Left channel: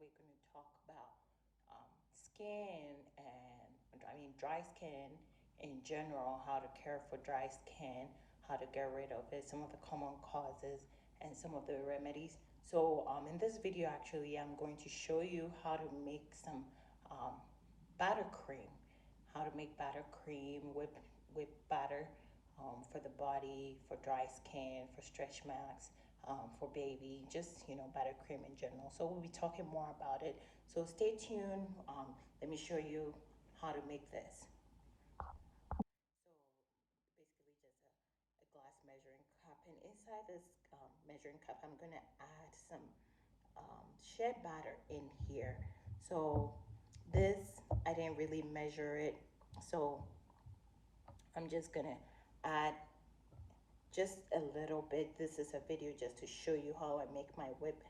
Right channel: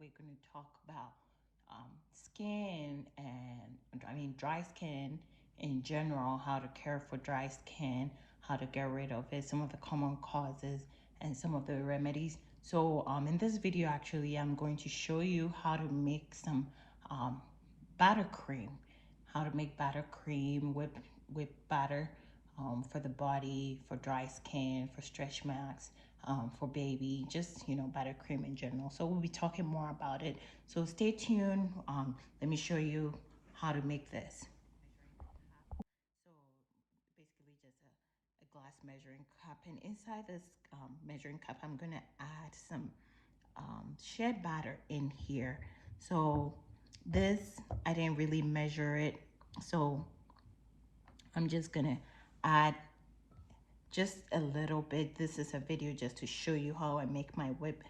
we're going to talk about skin and dry skin in general, how to care for dry skin, how to get rid of it, some of the common causes, and some of the remedies. So in this video, actually, I'm going to show you how to make some batter cream, how to make batter cream with batter for the body, for dry skin, for stretch marks, for baby, just, batter cream in general. So we'll be talking more about it. So stay tuned. Let me show you how to make this. So basically just a glass measuring cup, and inside this measuring cup, I'm gonna add some Sheabutter in here. So this, I didn't really measure it, so I'm just gonna add just a little bit. This is a video just to show you how I make my whip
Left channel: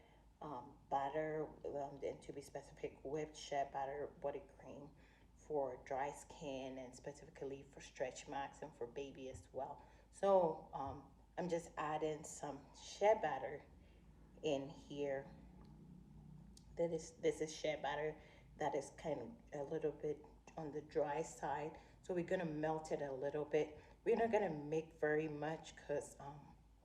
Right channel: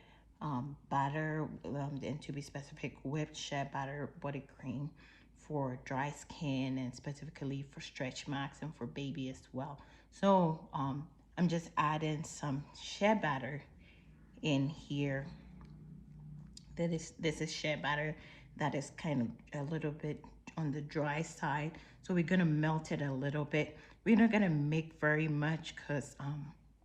batter, and to be specific, whipped Sheabutter body cream for dry skin and specifically for stretch marks and for baby as well. So I'm just adding some Sheabutter in here. This is Sheabutter that is kind of a little bit on the dry side, so we're gonna melt it a little bit. We're not gonna make very much because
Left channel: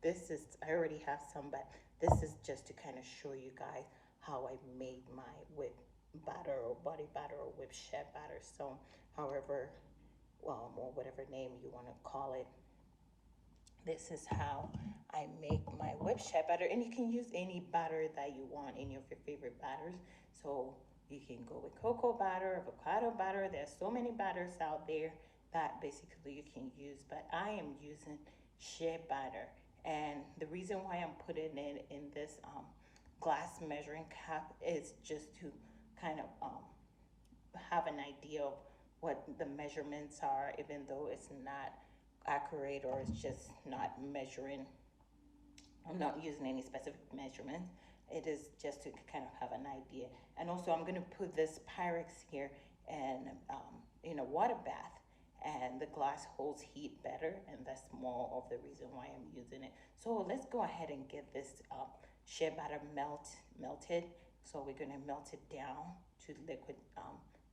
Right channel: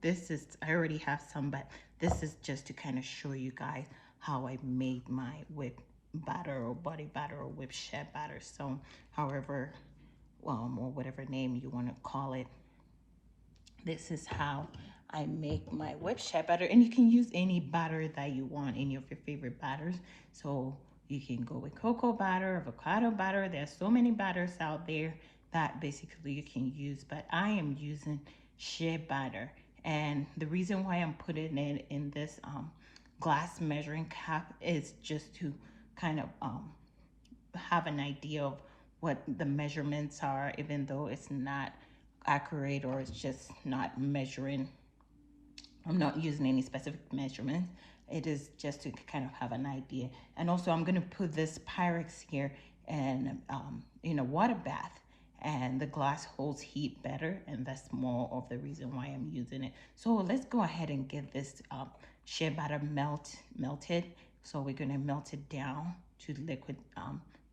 this is, I already have some, but this is just to kind of show you guys how I made my whip batter or body batter or whip Sheabutter. So however or whatever name you want to call it, this is how I make my whip Sheabutter, and you can use any batter that you want, any of your favorite batters. So you can go with cocoa batter, avocado batter. There's so many batters out there that basically you can use, but I am using Sheabutter. And the reason why I'm putting it in this glass measuring cup is just to kind of have an idea of what the measurements are, even though it's not accurate or it's just not measuring. I'm not using any specific measurements. It is just to kind of have an idea. And also I'm going to put this Pyrex here and in a water bath, and the glass holds heat better, and that's more of the reason why I'm using it. So let's go ahead and get this Sheabutter melted. So we're going to melt it down to liquid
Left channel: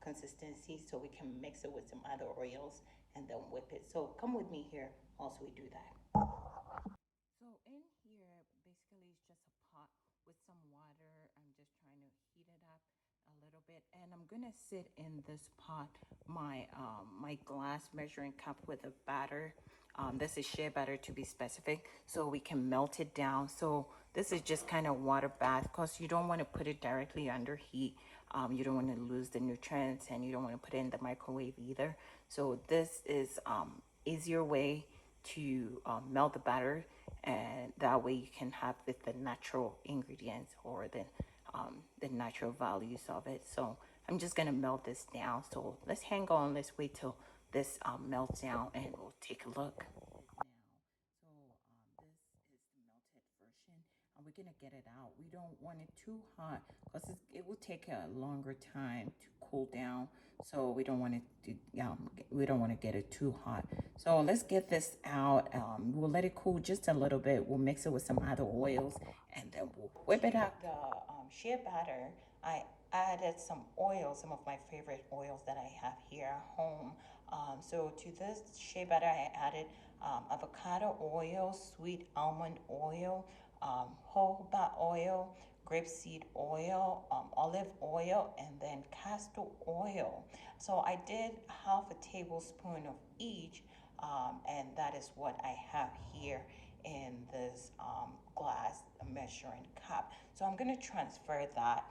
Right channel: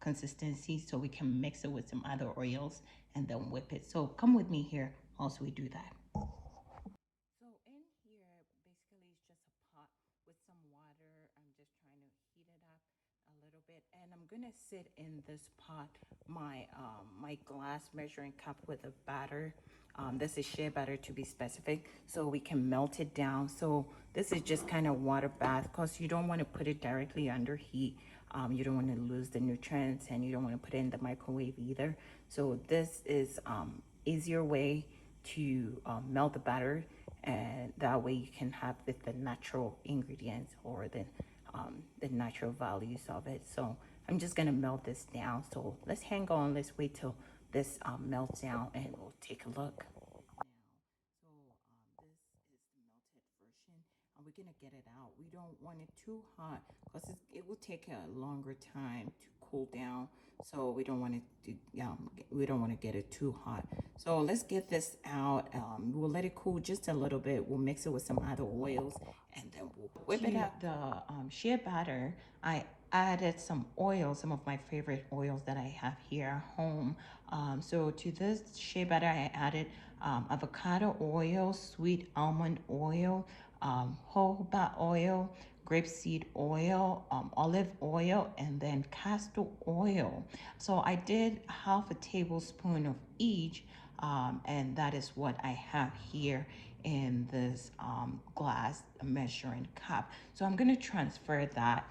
consistency so we can mix it with some other oils and then whip it. So come with me here also we do that. So in here, basically it's just a pot with some water. I'm just trying to heat it up a little bit, and I'm gonna sit in this pot my my glass measuring cup with a batter. This is Sheabutter to be specific, so we can melt it down. So this is just kind of water bath because you don't want to put it directly under heat. You don't want to lose the nutrients, and you don't want to put it in the microwave either. So this is easier way to melt the batter, and that way you can have with the natural ingredients or the natural values of it. So I'm just gonna melt this down. So let's hang on, let's wait till this melts down and we'll take a look now. So this is the melted version, and we're gonna get it out. We don't want it too hot because it will take a longer time to cool down. So we don't want it to we don't want to get it too hot. So let's get this out. We'll let it cool just a little bit. We'll mix it with some other oils, and then we'll whip it up. The Sheabutter, I added some oil, some of my favorite oils that I have here at home. So to this Sheabutter, I added avocado oil, sweet almond oil, jojoba oil, grapeseed oil, olive oil, and then castor oil. So I did half a tablespoon of each, and that is what I have here in this glass measuring cup. So I'm going to transfer that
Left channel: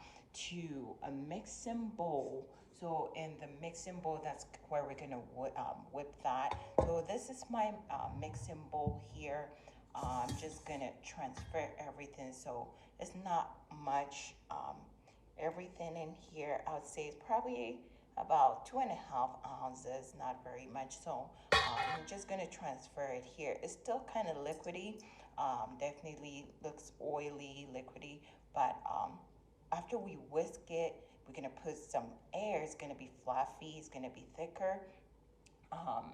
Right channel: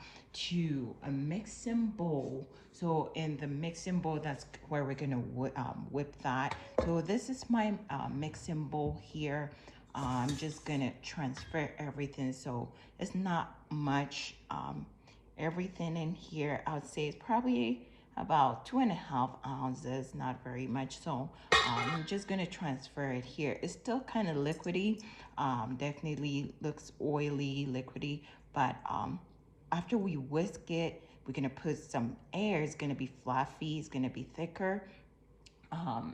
to a mixing bowl. So in the mixing bowl, that's where we're going to whip that. So this is my mixing bowl here. I'm just gonna transfer everything, so it's not much. Everything in here, I would say, is probably about 2.5 ounces, not very much. So I'm just gonna transfer it here. It's still kind of liquidy, definitely looks oily, liquidy, but after we whisk it, we're gonna put some air. It's gonna be fluffy, it's gonna be thicker.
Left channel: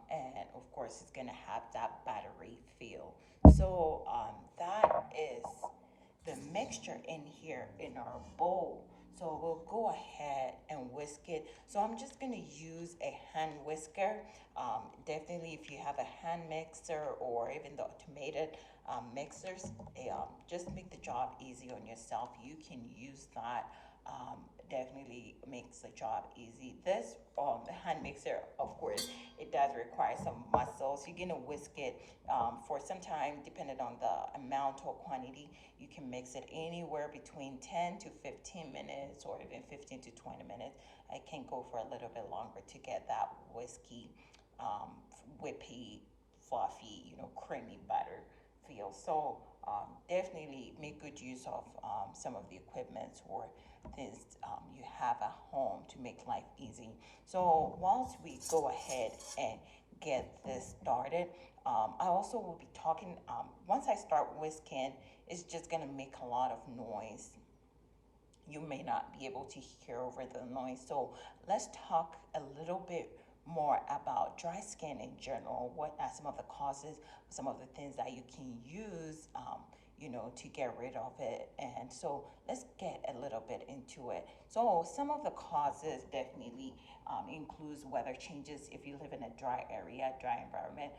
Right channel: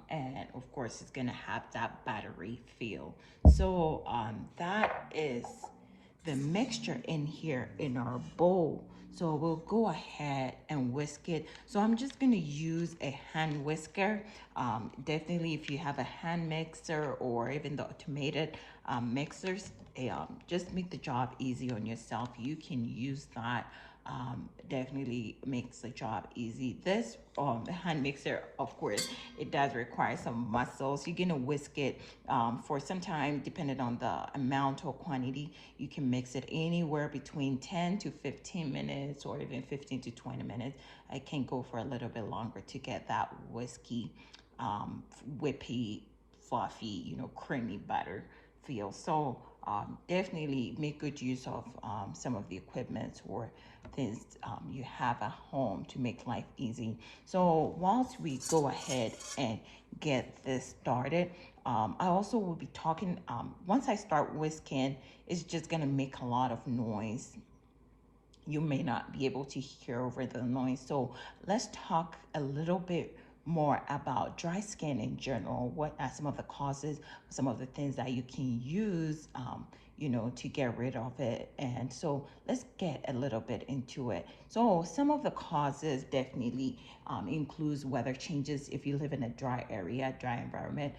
And of course it's gonna have that battery feel. So that is the mixture in here in our bowl. So we'll go ahead and whisk it. So I'm just gonna use a hand whisker. Definitely if you have a hand mixer or even the automated mixers, just make the job easy on yourself. You can use that. Definitely makes the job easy. This hand mixer, of course, it does require some muscles. You're gonna whisk it for some time, depending on the amount or quantity. You can mix it anywhere between 10 to 15 minutes or even 15 to 20 minutes. I can go for a little bit longer to get that whiskey, whippy, fluffy, creamy butter feel. So definitely make good use of some of the equipment or things you have at home to make life easy. So whilst we go ahead and get this started, I also will be talking, once I start whisking, it's just gonna make a lot of noise. You may not be able to hear over the noise. So let's talk a little bit more about dry skin in general. What are some of the causes, some of the things that you can use, to get rid of it? And so let's get a little bit into it. So some of the causes definitely includes weather changes. If you live in a dry area, dry environment,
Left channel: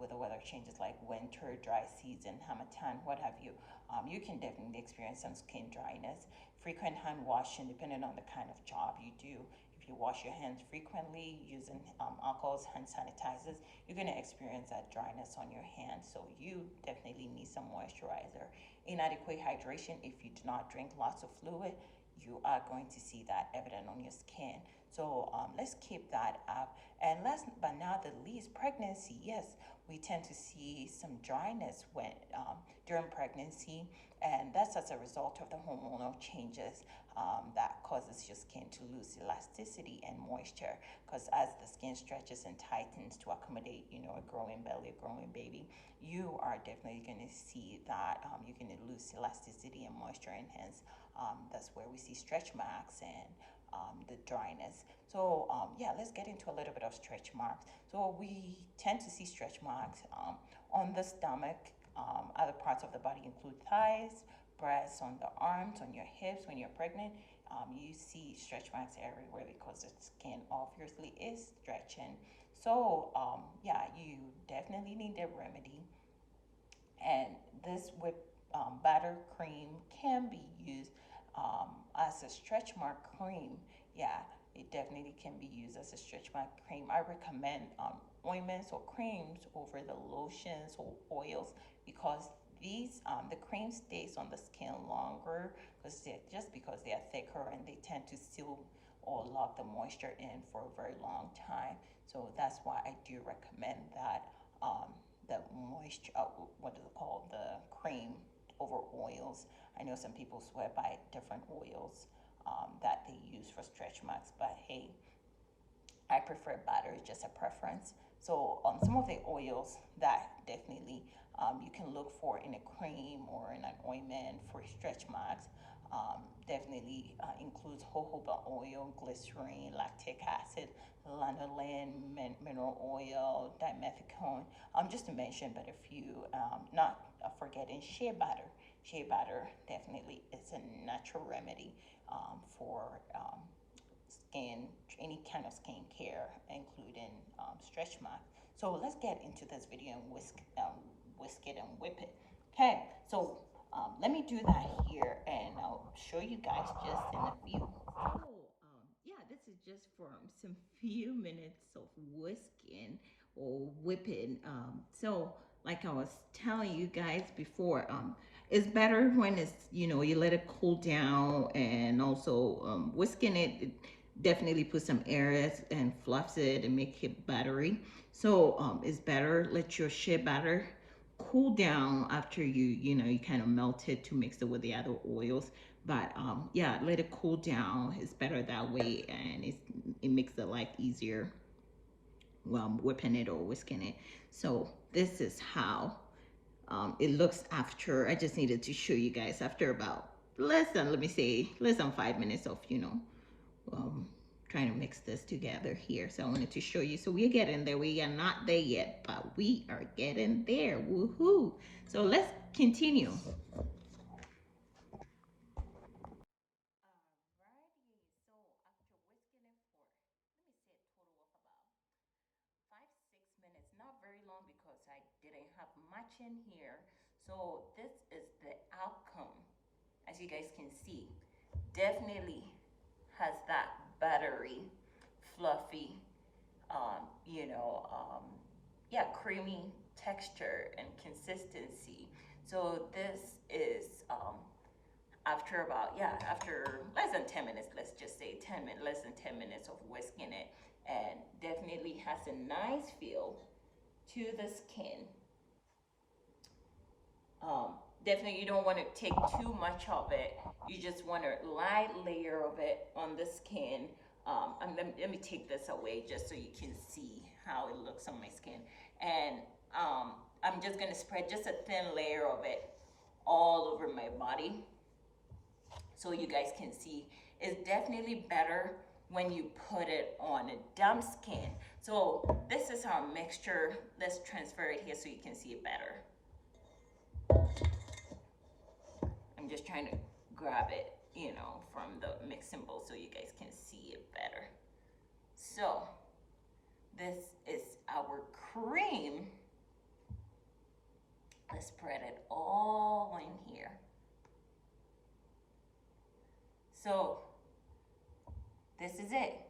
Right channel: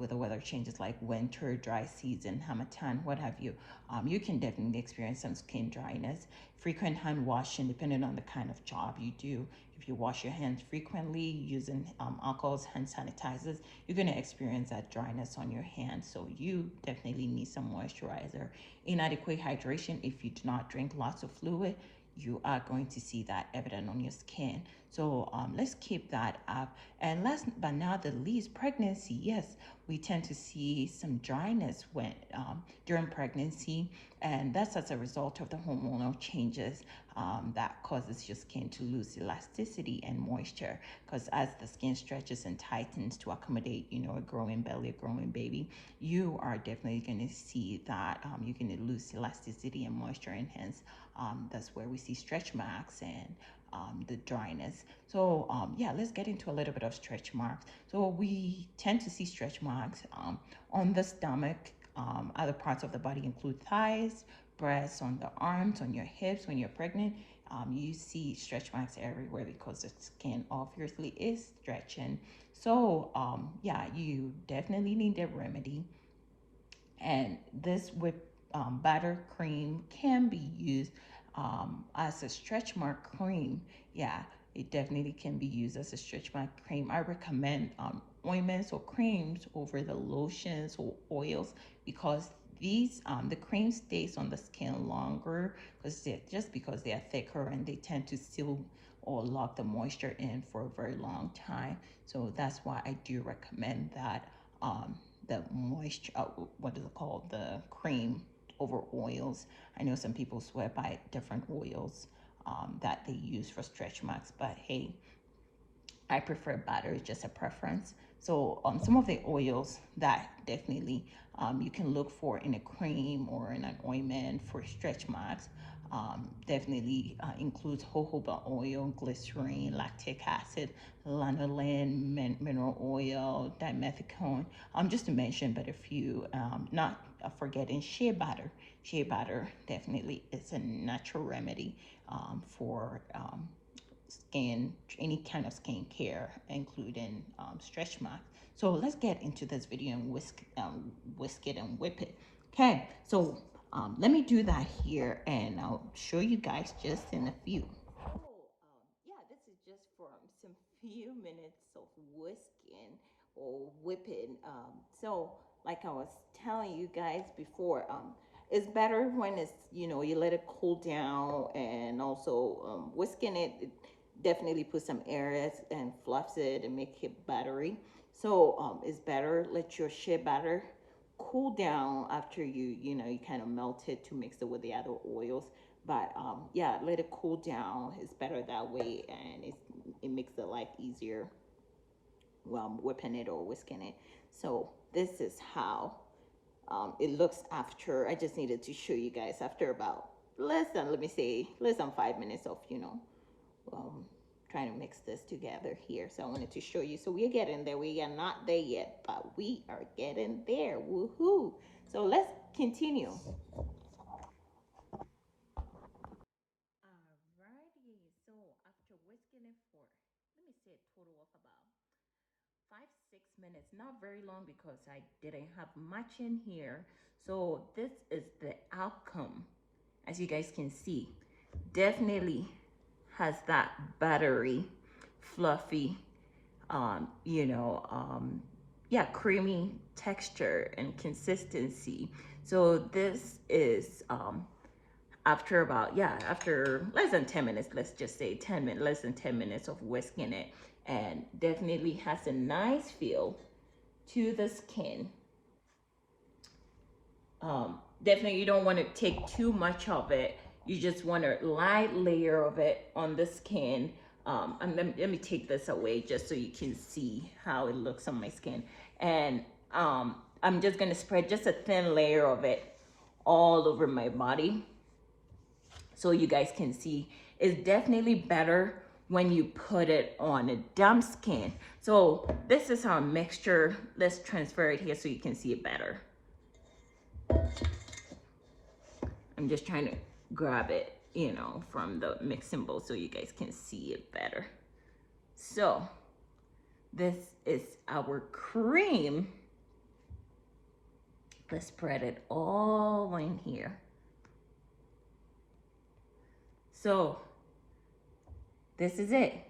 with the weather changes like winter, dry season, harmattan, what have you, you can definitely experience some skin dryness. Frequent hand washing, depending on the kind of job you do. If you wash your hands frequently using alcohols, hand sanitizers, you're going to experience that dryness on your hands. So you definitely need some moisturizer. Inadequate hydration, if you do not drink lots of fluid, you are going to see that evident on your skin. So let's keep that up. And last but not the least, pregnancy. Yes, we tend to see some dryness when during pregnancy, and that's as a result of the hormonal changes that causes your skin to lose elasticity and moisture. Because as the skin stretches and tightens to accommodate, a growing belly, a growing baby, you are definitely going to see that you're going to lose elasticity and moisture, and hence that's where we see stretch marks and the dryness. So yeah, let's get into a little bit of stretch marks. So we tend to see stretch marks on the stomach. Other parts of the body include thighs, breasts, on the arms, on your hips. When you're pregnant, you see stretch marks everywhere because the skin obviously is stretching. So yeah, you definitely need a remedy. And this whip butter cream can be used as a stretch mark cream. Yeah, it definitely can be used as a stretch mark cream. I recommend ointments or creams over the lotions or oils because these the cream stays on the skin longer because they are thicker and they tend to seal or lock the moisture in for a very long time. So that's why I do recommend that the moisture, what is it called, the cream over oils. I know some people swear by different oils that they use for stretch marks, but hey, I prefer butter, it's just a preference. So some of the oils that definitely you can look for in a cream or in an ointment for stretch marks definitely includes jojoba oil, glycerin, lactic acid, lanolin, mineral oil, dimethicone, just to mention but a few, not forgetting shea butter. Shea butter definitely is a natural remedy for skin, any kind of skin care, including stretch marks. So let's get into this video and whisk it and whip it. Okay, so let me do that here and I'll show you guys just in a few. So yeah, this is just from some few minutes of whisking or whipping. So like I was telling you guys before, it's better when it's, you let it cool down, and also whisking it definitely put some areas and fluffs it and make it buttery. So it's better let your shea butter cool down after you kind of melt it to mix it with the other oils. But yeah, let it cool down. It's better that way, and it makes the life easier while whipping it or whisking it. So this is how it looks after. I just needed to show you guys after about less than, let me say, less than 5 minutes of um, trying to mix this together here. So I wanted to show you. So we're getting there. We are not there yet, but we are getting there. Woohoo! So let's continue. 6 minutes, not very long because I didn't have much in here. So this is the outcome. As you guys can see, definitely has that buttery, fluffy, yeah, creamy texture and consistency. So this is after about, yeah, after less than 10 minutes, let's just say 10 minutes, less than 10 minutes of whisking it, and definitely has a nice feel to the skin. Definitely you don't want to take too much of it. You just want a light layer of it on the skin. Let me take this away just so you can see how it looks on my skin. And I'm just going to spread just a thin layer of it all over my body so you guys can see. It's definitely better when you put it on a damp skin. So this is our mixture. Let's transfer it here so you can see it better. I'm just trying to grab it, from the mixing bowl so you guys can see it better. So this is our cream. Let's spread it all in here. So this is it.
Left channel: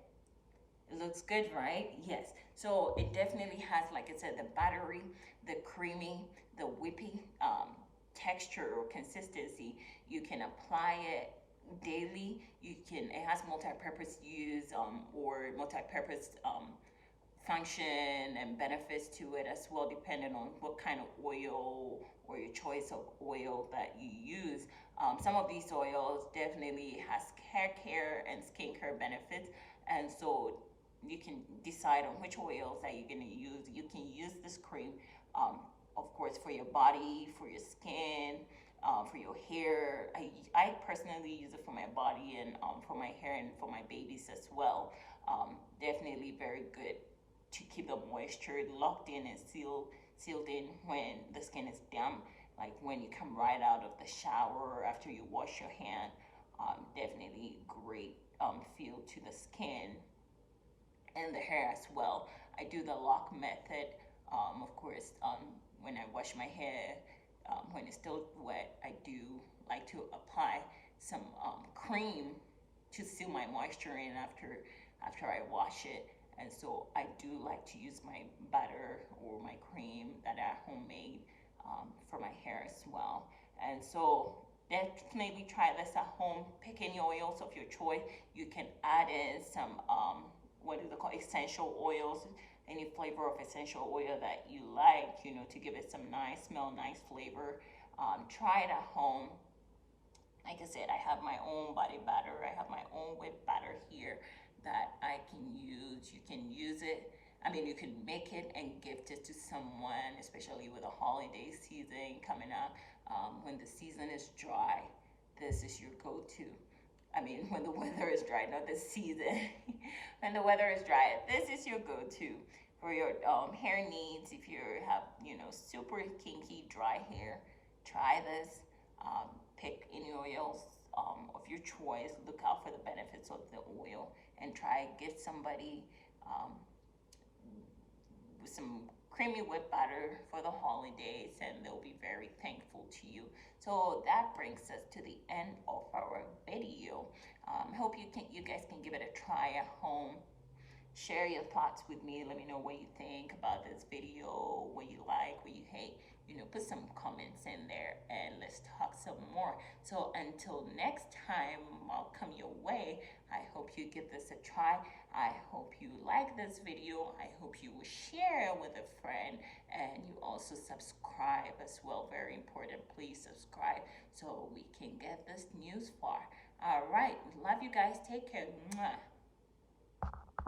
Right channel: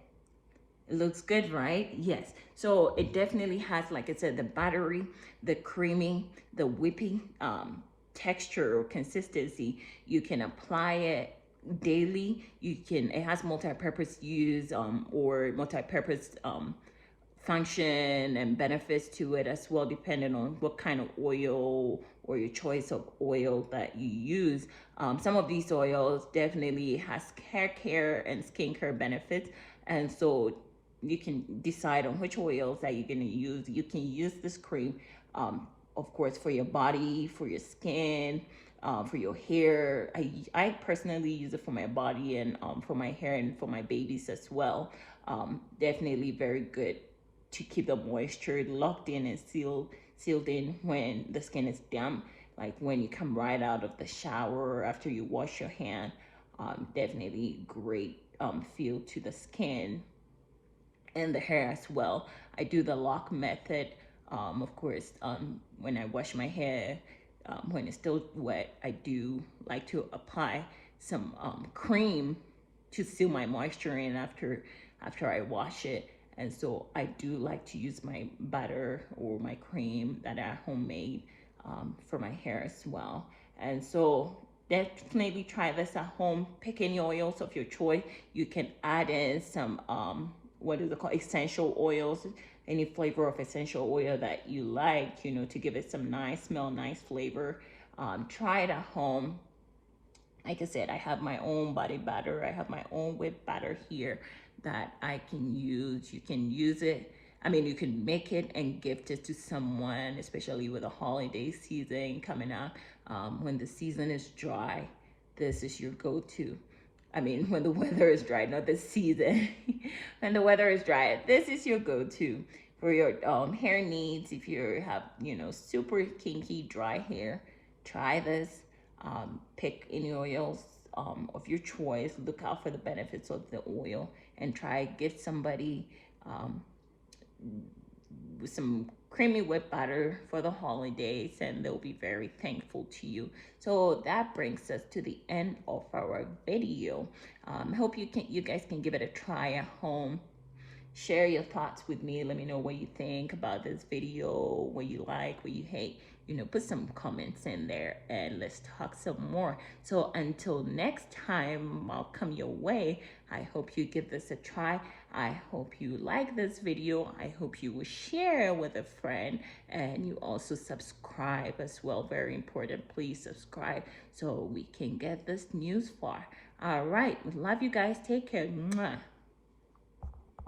It looks good, right? Yes. So it definitely has, like I said, the buttery, the creamy, the whippy texture or consistency. You can apply it daily. It has multi-purpose use or multi-purpose function and benefits to it as well, depending on what kind of oil or your choice of oil that you use. Some of these oils definitely has hair care and skincare benefits, and so you can decide on which oils that you're going to use. You can use this cream, of course, for your body, for your skin, for your hair. I personally use it for my body and for my hair and for my babies as well. Definitely very good to keep the moisture locked in and sealed in when the skin is damp, like when you come right out of the shower after you wash your hand. Definitely great feel to the skin and the hair as well. I do the lock method. Of course, when I wash my hair, when it's still wet, I do like to apply some cream to seal my moisture in after I wash it. And so I do like to use my butter or my cream that I homemade for my hair as well. And so definitely try this at home. Pick any oils of your choice. You can add in some what is it called, essential oils, any flavor of essential oil that you like, to give it some nice smell, nice flavor. Try it at home. Like I said, I have my own body batter. I have my own whipped batter here that I can use. You can use it. I mean, you can make it and gift it to someone, especially with the holiday season coming up. When the season is dry, this is your go-to. I mean, when the weather is dry, not the season. When the weather is dry, this is your go-to for your hair needs. If you have, super kinky, dry hair, try this. Pick any oils of your choice. Look out for the benefits of the oil and try gift somebody with some creamy whipped butter for the holidays, and they'll be very thankful to you. So that brings us to the end of our video. Hope you guys can give it a try at home. Share your thoughts with me. Let me know what you think about this video, what you like, what you hate. Put some comments in there and let's talk some more. So until next time, I'll come your way. I hope you give this a try. I hope you like this video. I hope you will share with a friend, and you also subscribe as well. Very important. Please subscribe so we can get this news far. All right. Love you guys. Take care. Mwah.